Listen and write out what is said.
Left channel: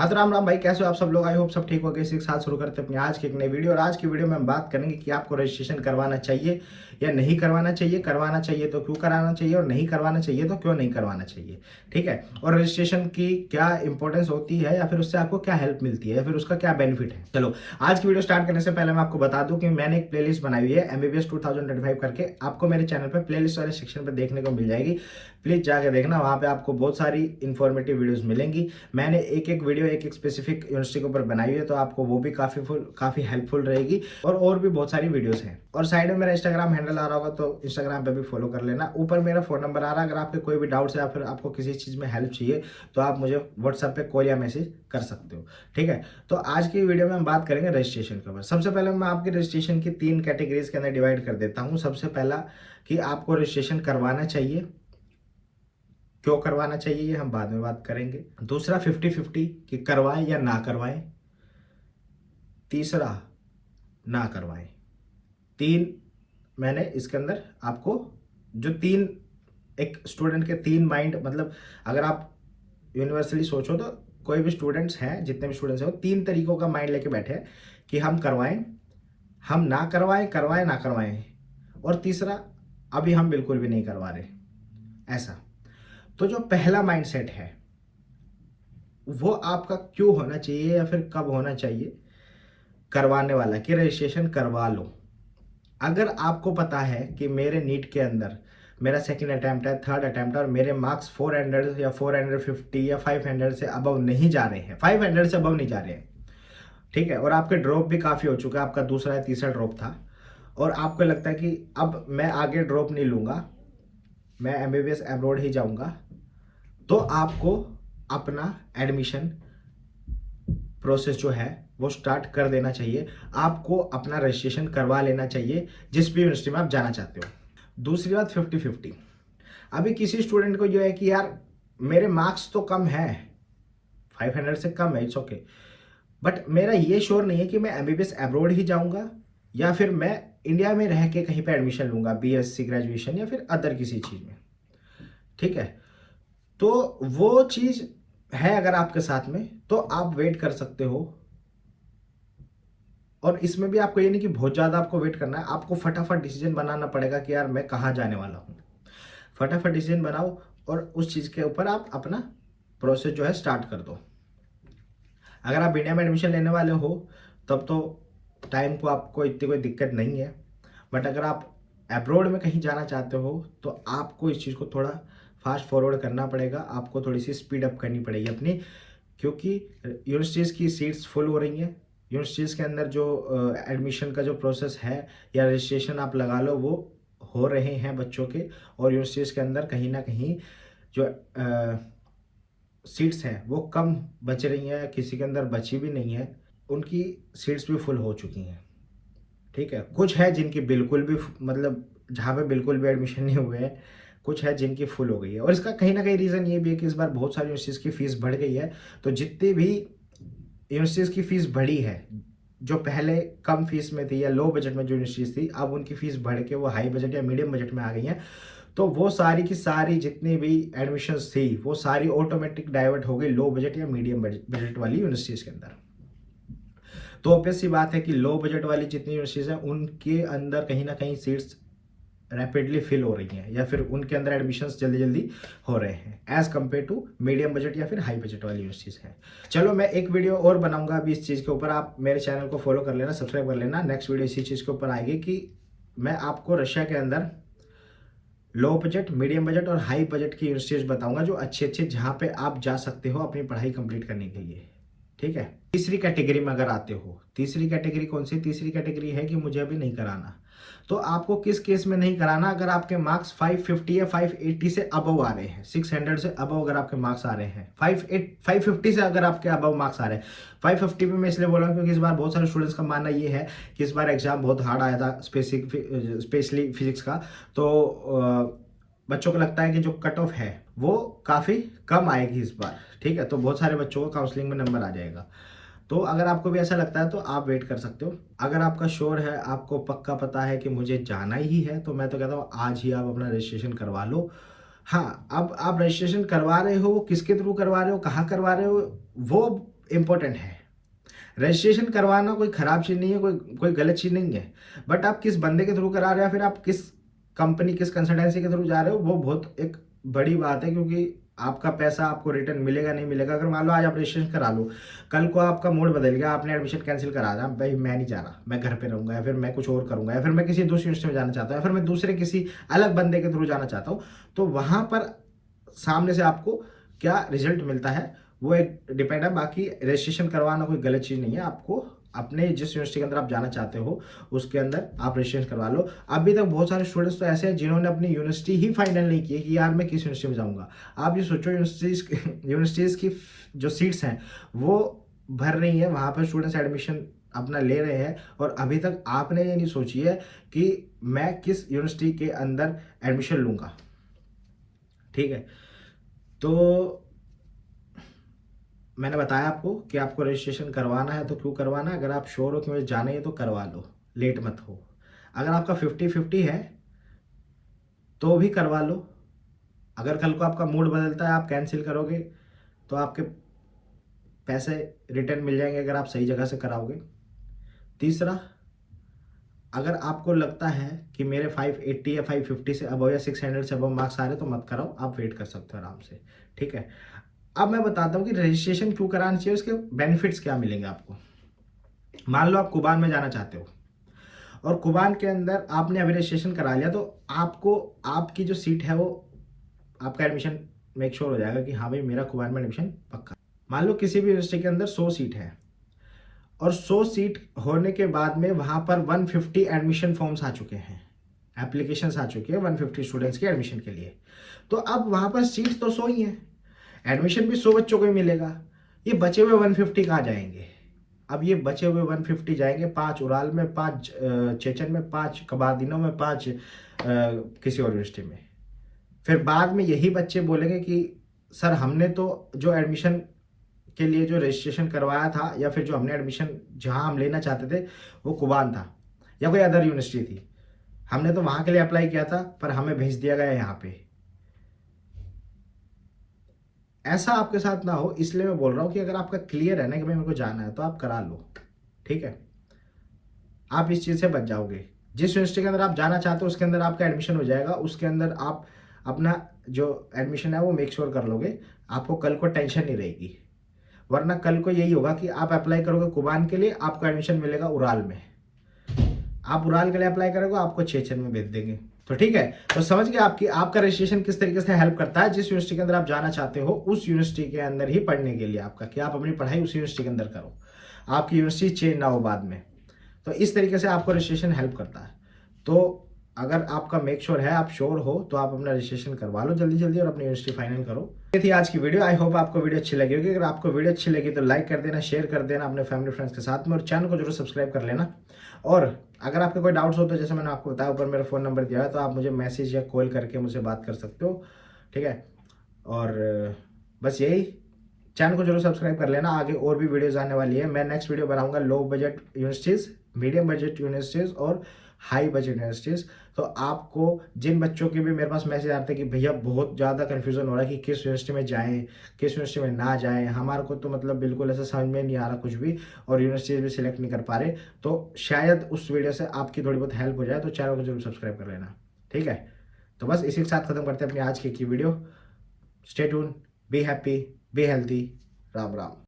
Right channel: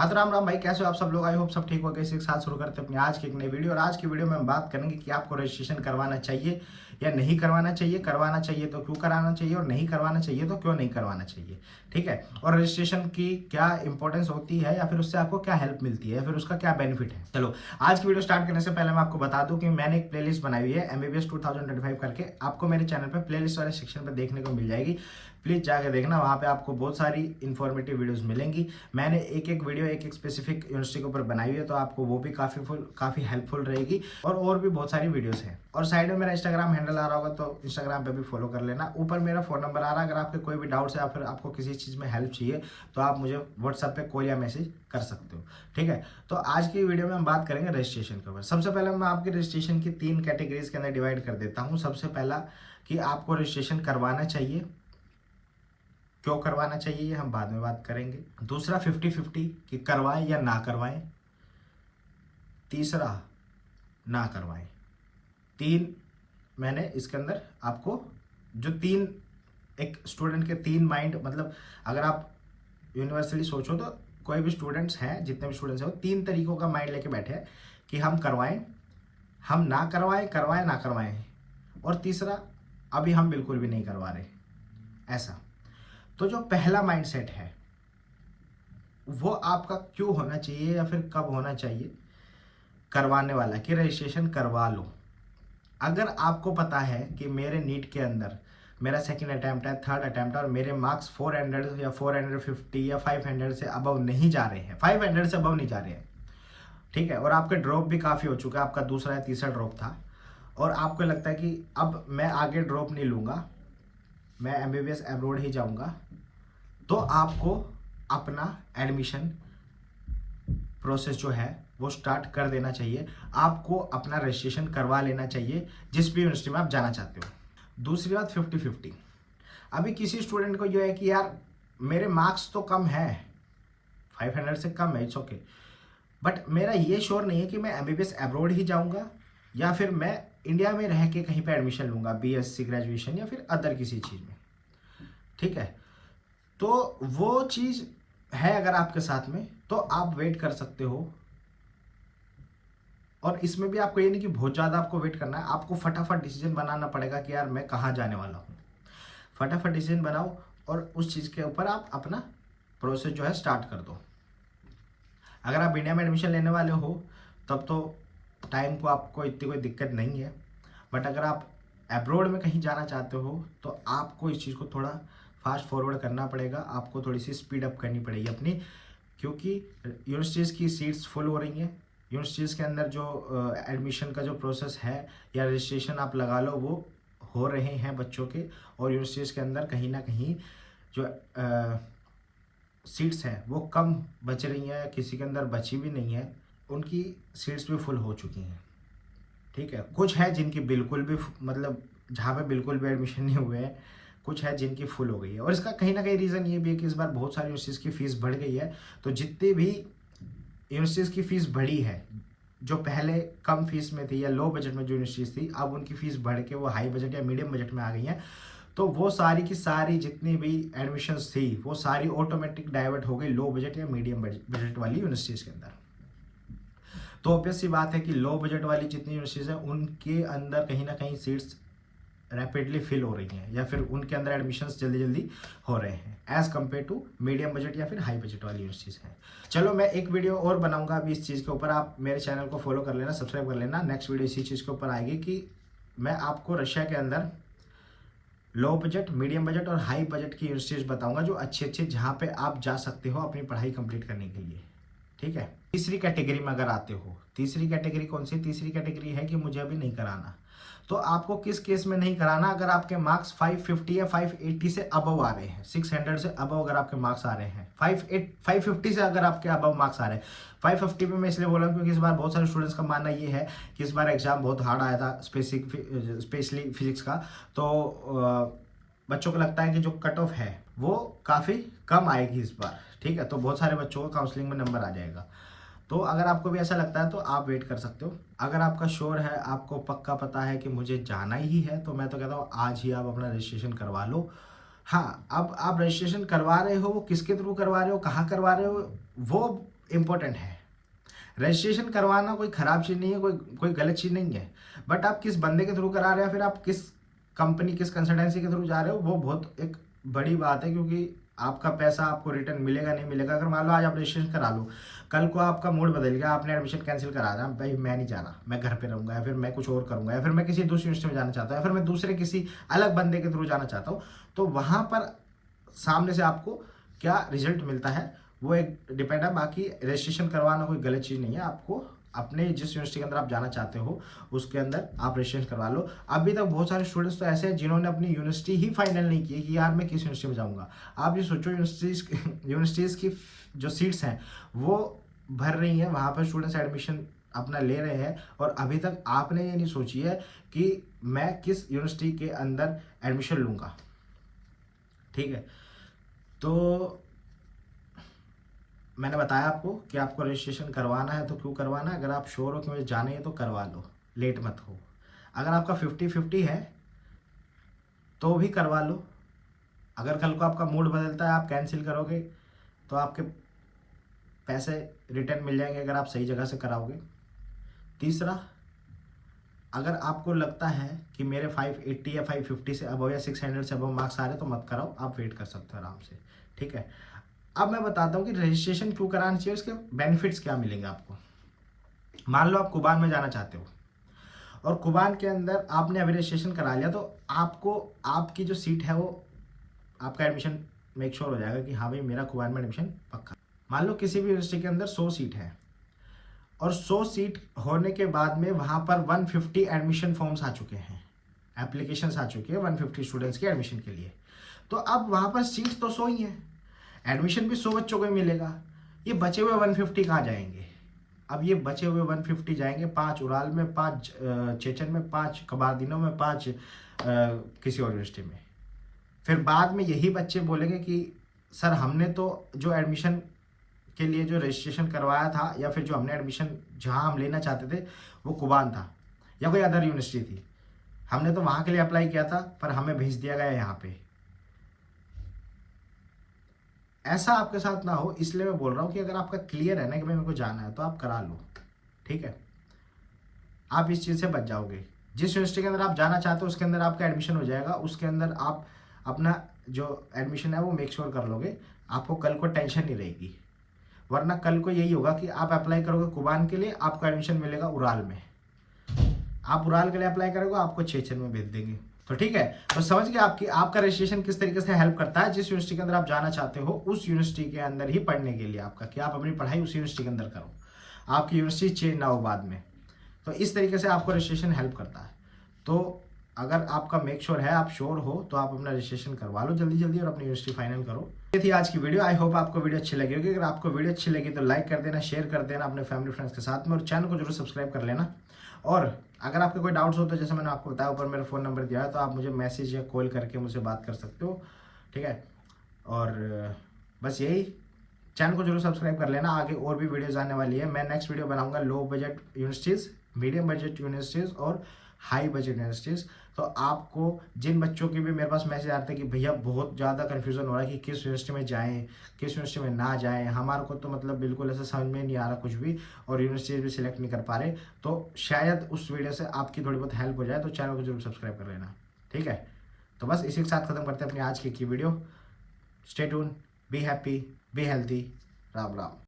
हाँ तो राम राम भाई, कैसे हो आप सब लोग। आई होप सब ठीक हो गए। इसी के साथ शुरू करते हैं अपनी आज की एक नई वीडियो। और आज की वीडियो में हम बात करेंगे कि आपको रजिस्ट्रेशन करवाना चाहिए या नहीं करवाना चाहिए, करवाना चाहिए तो क्यों कराना चाहिए, और नहीं करवाना चाहिए तो क्यों नहीं करवाना चाहिए। ठीक है, और रजिस्ट्रेशन की क्या इंपॉर्टेंस होती है, या फिर उससे आपको क्या हेल्प मिलती है, या फिर उसका क्या बेनिफिट है। चलो आज की वीडियो स्टार्ट करने से पहले मैं आपको बता दूं कि मैंने एक प्लेलिस्ट बनाई हुई है MBBS 2025 करके। आपको मेरे चैनल पर प्लेलिस्ट वाले सेक्शन पर देखने को मिल जाएगी। प्लीज जाके देखना, वहाँ पे आपको बहुत सारी इंफॉर्मेटिव वीडियोस मिलेंगी। मैंने एक एक वीडियो एक एक स्पेसिफिक यूनिवर्सिटी के ऊपर बनाई हुई है, तो आपको वो भी काफी हेल्पफुल रहेगी। और भी बहुत सारी वीडियोस हैं। और साइड में मेरा इंस्टाग्राम हैंडल आ रहा होगा, तो इंस्टाग्राम पे भी फॉलो कर लेना। ऊपर मेरा फोन नंबर आ रहा है, अगर आपके कोई भी डाउट्स है या फिर आपको किसी चीज में हेल्प चाहिए तो आप मुझे व्हाट्सएप पे कॉल या मैसेज कर सकते हो। ठीक है, तो आज की वीडियो में हम बात करेंगे रजिस्ट्रेशन के ऊपर। सबसे पहले मैं आपकी रजिस्ट्रेशन की 3 कैटेगरीज के अंदर डिवाइड कर देता हूँ। सबसे पहला कि आपको रजिस्ट्रेशन करवाना चाहिए, क्यों करवाना चाहिए ये हम बाद में बात करेंगे। दूसरा 50-50 कि करवाएं या ना करवाएं। तीसरा ना करवाएं। 3 मैंने इसके अंदर आपको जो 3 एक स्टूडेंट के 3 माइंड, मतलब अगर आप यूनिवर्सली सोचो तो कोई भी स्टूडेंट्स हैं, जितने भी स्टूडेंट्स हैं वो 3 तरीकों का माइंड लेके बैठे हैं कि हम करवाएं, हम ना करवाएं, करवाएं ना करवाएं, और तीसरा अभी हम बिल्कुल भी नहीं करवा रहे। ऐसा तो जो पहला माइंडसेट है वो आपका क्यों होना चाहिए या फिर कब होना चाहिए, करवाने वाला कि रजिस्ट्रेशन करवा लो। अगर आपको पता है कि मेरे नीट के अंदर मेरा सेकंड अटेम्प्ट है, थर्ड अटेम्प्ट है, और मेरे मार्क्स 400 या 450 या 500 से अबव नहीं जा रहे हैं, 500 से अबव नहीं जा रहे हैं, ठीक है, और आपके ड्रॉप भी काफ़ी हो चुका है, आपका दूसरा या तीसरा ड्रॉप था, और आपको लगता है कि अब मैं आगे ड्रॉप नहीं लूँगा, मैं MBBS अब्रॉड ही जाऊँगा, तो आपको अपना एडमिशन प्रोसेस जो है वो स्टार्ट कर देना चाहिए। आपको अपना रजिस्ट्रेशन करवा लेना चाहिए जिस भी यूनिवर्सिटी में आप जाना चाहते हो। दूसरी बात 50-50। अभी किसी स्टूडेंट को जो है कि यार मेरे मार्क्स तो कम है, 500 से कम है, इट्स ओके, बट मेरा ये श्योर नहीं है कि मैं MBBS अब्रॉड ही जाऊंगा या फिर मैं इंडिया में रह के कहीं पे एडमिशन लूंगा, BSc ग्रेजुएशन या फिर अदर किसी चीज़ में। ठीक है, तो वो चीज़ है अगर आपके साथ में, तो आप वेट कर सकते हो। और इसमें भी आपको ये नहीं कि बहुत ज़्यादा आपको वेट करना है, आपको फटाफट डिसीजन बनाना पड़ेगा कि यार मैं कहाँ जाने वाला हूँ। फटाफट डिसीजन बनाओ और उस चीज़ के ऊपर आप अपना प्रोसेस जो है स्टार्ट कर दो। अगर आप इंडिया में एडमिशन लेने वाले हो तब तो टाइम को आपको इतनी कोई दिक्कत नहीं है, बट अगर आप अब्रॉड में कहीं जाना चाहते हो तो आपको इस चीज़ को थोड़ा फास्ट फॉरवर्ड करना पड़ेगा, आपको थोड़ी सी स्पीड अप करनी पड़ेगी अपनी, क्योंकि यूनिवर्सिटीज़ की सीट्स फुल हो रही हैं। यूनिवर्सिटीज़ के अंदर जो एडमिशन का जो प्रोसेस है या रजिस्ट्रेशन आप लगा लो वो हो रहे हैं बच्चों के, और यूनिवर्सिटीज़ के अंदर कहीं ना कहीं जो सीट्स हैं वो कम बच रही हैं, किसी के अंदर बची भी नहीं है, उनकी सीट्स भी फुल हो चुकी हैं। ठीक है, कुछ है जिनकी बिल्कुल भी मतलब जहाँ पे बिल्कुल भी एडमिशन नहीं हुए हैं, कुछ है जिनकी फुल हो गई है। और इसका कहीं ना कहीं रीज़न ये भी है कि इस बार बहुत सारी यूनिवर्सिटीज़ की फ़ीस बढ़ गई है। तो जितनी भी यूनिवर्सिटीज़ की फ़ीस बढ़ी है, जो पहले कम फीस में थी या लो बजट में जो यूनिवर्सिटीज़ थी, अब उनकी फ़ीस बढ़ के वो हाई बजट या मीडियम बजट में आ गई हैं। तो वो सारी की सारी जितनी भी एडमिशन्स थी वो सारी ऑटोमेटिक डाइवर्ट हो गई लो बजट या मीडियम बजट वाली यूनिवर्सिटीज़ के अंदर। तो ऑब्वियस सी बात है कि लो बजट वाली जितनी यूनिवर्सिटीज़ हैं उनके अंदर कहीं ना कहीं सीट्स रैपिडली फिल हो रही हैं, या फिर उनके अंदर एडमिशन्स जल्दी जल्दी हो रहे हैं as compare to medium budget या फिर हाई बजट वाली यूनिवर्सिटीज़ हैं। चलो मैं एक वीडियो और बनाऊंगा अभी इस चीज़ के ऊपर, आप मेरे चैनल को फॉलो कर लेना, सब्सक्राइब कर लेना। नेक्स्ट वीडियो इसी चीज़ के ऊपर आएगी कि मैं आपको रशिया के अंदर लो बजट, मीडियम बजट और हाई बजट की यूनिवर्सिटीज़ बताऊंगा जो अच्छी अच्छी, जहाँ पे आप जा सकते हो अपनी पढ़ाई कंप्लीट करने के लिए। ठीक है, तीसरी कैटेगरी में अगर आते हो, तीसरी कैटेगरी कौन सी? तीसरी कैटेगरी है कि मुझे अभी नहीं कराना। तो आपको किस केस में नहीं कराना? अगर आपके मार्क्स 550 या 580 से अबव आ रहे हैं, 600 से अबव अगर आपके मार्क्स आ रहे हैं, 550 से अगर आपके अबव मार्क्स आ रहे हैं। 550 में मैं इसलिए बोल रहा हूँ क्योंकि इस बार बहुत सारे स्टूडेंट्स का मानना ये है कि इस बार एग्जाम बहुत हार्ड आया था, स्पेशली फिजिक्स का। तो बच्चों को लगता है कि जो कट ऑफ है वो काफ़ी कम आएगी इस बार। ठीक है, तो बहुत सारे बच्चों को काउंसलिंग में नंबर आ जाएगा। तो अगर आपको भी ऐसा लगता है तो आप वेट कर सकते हो। अगर आपका श्योर है, आपको पक्का पता है कि मुझे जाना ही है, तो मैं तो कहता हूँ आज ही आप अपना रजिस्ट्रेशन करवा लो। हाँ, अब आप रजिस्ट्रेशन करवा रहे हो, किसके थ्रू करवा रहे हो, कहाँ करवा रहे हो, वो इम्पोर्टेंट है। रजिस्ट्रेशन करवाना कोई ख़राब चीज़ नहीं है, कोई गलत चीज़ नहीं है, बट आप किस बंदे के थ्रू करा रहे हो, फिर आप किस कंपनी, किस कंसल्टेंसी के थ्रू जा रहे हो, वो बहुत एक बड़ी बात है, क्योंकि आपका पैसा आपको रिटर्न मिलेगा नहीं मिलेगा। अगर मान लो आज आप रजिस्ट्रेशन करा लो, कल को आपका मूड बदल गया, आपने एडमिशन कैंसिल करा दिया, भाई मैं नहीं जा रहा, मैं घर पे रहूँगा, या फिर मैं कुछ और करूँगा, या फिर मैं किसी दूसरी यूनिवर्सिटी में जाना चाहता हूँ, या फिर मैं दूसरे किसी अलग बंदे के थ्रू जाना चाहता हूँ, तो वहाँ पर सामने से आपको क्या रिजल्ट मिलता है वो एक डिपेंड है। बाकी रजिस्ट्रेशन करवाना कोई गलत चीज़ नहीं है, आपको अपने जिस यूनिवर्सिटी के अंदर आप जाना चाहते हो उसके अंदर आप रजिस्ट्रेशन करवा लो। अभी तक बहुत सारे स्टूडेंट्स तो ऐसे हैं जिन्होंने अपनी यूनिवर्सिटी ही फाइनल नहीं की कि यार मैं किस यूनिवर्सिटी में जाऊँगा। आप ये सोचो, यूनिवर्सिटीज़ की जो सीट्स हैं वो भर रही हैं, वहाँ पर स्टूडेंट्स एडमिशन अपना ले रहे हैं, और अभी तक आपने ये नहीं सोची है कि मैं किस यूनिवर्सिटी के अंदर एडमिशन लूँगा। ठीक है, तो मैंने बताया आपको कि आपको रजिस्ट्रेशन करवाना है तो क्यों करवाना है। अगर आप श्योर हो कि मुझे जाना ही है तो करवा लो, लेट मत हो। अगर आपका 50-50 है तो भी करवा लो। अगर कल को आपका मूड बदलता है, आप कैंसिल करोगे, तो आपके पैसे रिटर्न मिल जाएंगे अगर आप सही जगह से कराओगे। तीसरा, अगर आपको लगता है कि मेरे 580 या 550 से अबव या 600 से अबव मार्क्स आ रहे तो मत कराओ, आप वेट कर सकते हो आराम से। ठीक है, अब मैं बताता हूँ कि रजिस्ट्रेशन क्यों कराना चाहिए, उसके बेनिफिट्स क्या मिलेंगे आपको। मान लो आप कुबान में जाना चाहते हो, और कुबान के अंदर आपने अभी रजिस्ट्रेशन करा लिया, तो आपको आपकी जो सीट है वो आपका एडमिशन मेक श्योर हो जाएगा कि हाँ भाई मेरा कुबान में एडमिशन पक्का। मान लो किसी भी यूनिवर्सिटी के अंदर 100 सीट है, और 100 सीट होने के बाद में वहाँ पर 150 एडमिशन फॉर्म्स आ चुके हैं, एप्लीकेशंस आ चुके हैं 150 स्टूडेंट्स के एडमिशन के लिए। तो अब वहाँ पर सीट्स तो 100 ही हैं, एडमिशन भी 100 बच्चों को ही मिलेगा। ये बचे हुए 150 कहाँ जाएंगे? अब ये बचे हुए 150 जाएंगे 5 उराल में, 5 चेचन में, 5 कबारदीनों में, 5 किसी और यूनिवर्सिटी में। फिर बाद में यही बच्चे बोलेंगे कि सर हमने तो जो एडमिशन के लिए जो रजिस्ट्रेशन करवाया था, या फिर जो हमने एडमिशन जहाँ हम लेना चाहते थे वो कुबान था या कोई अदर यूनिवर्सिटी थी, हमने तो वहाँ के लिए अप्लाई किया था पर हमें भेज दिया गया यहाँ पे। ऐसा आपके साथ ना हो, इसलिए मैं बोल रहा हूँ कि अगर आपका क्लियर है ना कि भाई मेरे को जाना है तो आप करा लो। ठीक है, आप इस चीज़ से बच जाओगे। जिस यूनिवर्सिटी के अंदर आप जाना चाहते हो उसके अंदर आपका एडमिशन हो जाएगा, उसके अंदर आप अपना जो एडमिशन है वो मेक श्योर कर लोगे, आपको कल को टेंशन नहीं रहेगी। वरना कल को यही होगा कि आप अप्लाई करोगे कुबान के लिए, आपको एडमिशन मिलेगा उराल में, आप उराल के लिए अप्लाई करोगे, आपको चेचन में भेज देंगे। तो ठीक है, तो समझ गए आपकी आपका रजिस्ट्रेशन किस तरीके से हेल्प करता है। जिस यूनिवर्सिटी के अंदर आप जाना चाहते हो उस यूनिवर्सिटी के अंदर ही पढ़ने के लिए आपका, कि आप अपनी पढ़ाई उस यूनिवर्सिटी के अंदर करो, आपकी यूनिवर्सिटी चेंज ना हो बाद में। तो इस तरीके से आपको रजिस्ट्रेशन हेल्प करता है। तो अगर आपका मेक श्योर है, आप श्योर हो, तो आप अपना रजिस्ट्रेशन करवा लो जल्दी जल्दी और अपनी यूनिवर्सिटी फाइनल करो। ये थी आज की वीडियो। आई होप आपको वीडियो अच्छी लगी होगी। अगर आपको वीडियो अच्छी लगी तो लाइक कर देना, शेयर कर देना अपने फैमिली फ्रेंड्स के साथ में, और चैनल को जरूर सब्सक्राइब कर लेना। और अगर आपके कोई डाउट्स हो तो जैसे मैंने आपको बताया ऊपर मेरा फ़ोन नंबर दिया है, तो आप मुझे मैसेज या कॉल करके मुझसे बात कर सकते हो। ठीक है, और बस यही, चैनल को जरूर सब्सक्राइब कर लेना। आगे और भी वीडियोज़ आने वाली है। मैं नेक्स्ट वीडियो बनाऊंगा low budget universities, medium budget universities और हाई बजट यूनिवर्सिटीज़। तो आपको जिन बच्चों के भी मेरे पास मैसेज आते हैं कि भैया बहुत ज़्यादा कन्फ्यूज़न हो रहा है कि किस यूनिवर्सिटी में जाएं, किस यूनिवर्सिटी में ना जाएं, हमारे को तो मतलब बिल्कुल ऐसा समझ में नहीं आ रहा कुछ भी, और यूनिवर्सिटीज़ भी सिलेक्ट नहीं कर पा रहे, तो शायद उस वीडियो से आपकी थोड़ी बहुत हेल्प हो जाए। तो चैनल को जरूर सब्सक्राइब कर लेना। ठीक है, तो बस इसी के साथ खत्म करते हैं अपनी आज की video. Stay tune, be happy, be healthy. Ram Ram.